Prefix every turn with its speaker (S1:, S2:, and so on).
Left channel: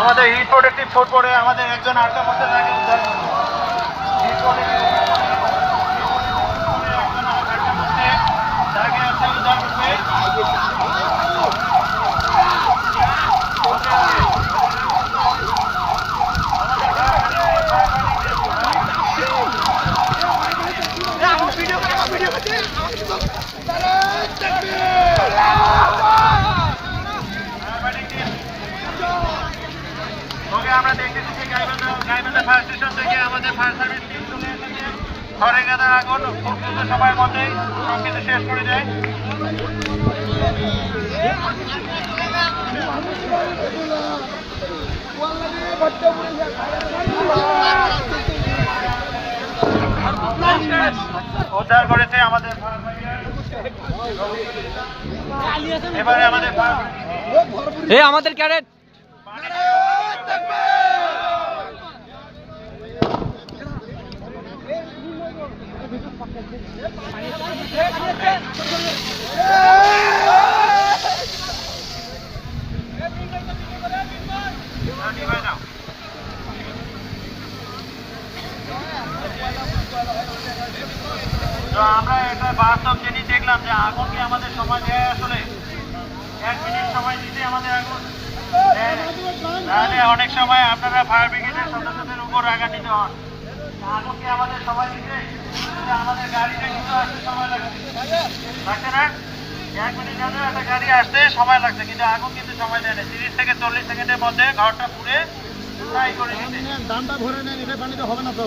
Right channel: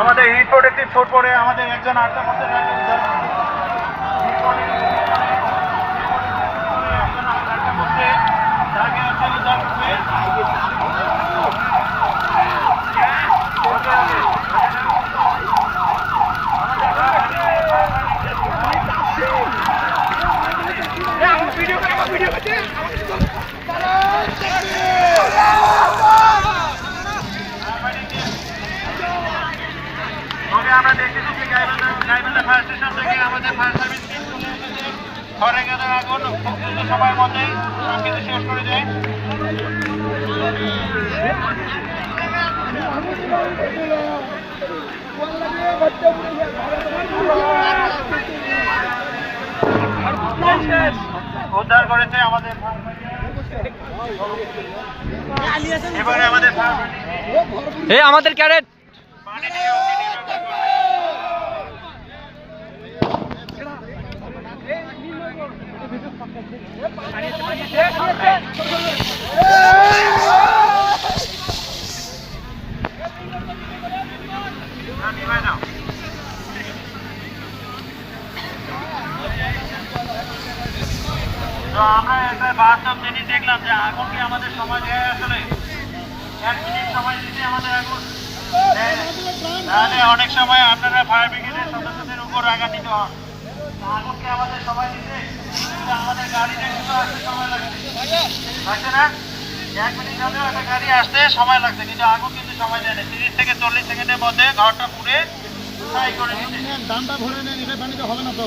S1: আমাদের hit protective food পরে আমাদের একজন আটটা মধ্যে থাকে। আমরা দেখতেছি গাইবান্ধা- গাইবান্ধা ফায়ার স্টেশন থেকে আমাদের ফায়ার সার্ভিস টিম চলে এসেছে। ঘরে গাদার আগুন খুব দ্রুত সময়ের মধ্যেই সব কিছু শেষ করে দেয়। উদ্ধার করেছে আমাদের এবারে আমাদের
S2: এই আমাদের ক্যারেট।
S1: তো আমরা একটা বাস্তব জিনিস দেখলাম যে আগুন কি আমাদের সময় দেয় আসলে এক মিনিট সময় দিতে আমাদের আগুন দেয় না। তাহলে অনেক সময় আপনারা ফায়ার ব্রিগেডের সদস্যদের উপর হন আগুনকে দিতে কিন্তু আমাদের গাড়িটা কিন্তু আসতে সময় লাগে লাগছে না এক মিনিট হলেও একটা গাড়ি আসতে সময় লাগছে, কিন্তু আগুন কিন্তু সময় দেয় না। তিরিশ থেকে চল্লিশ সেকেন্ডের মধ্যে ঘরটা পুড়ে ছাই করে
S3: দামটা ভরে নেন, এখানে হবে না তো।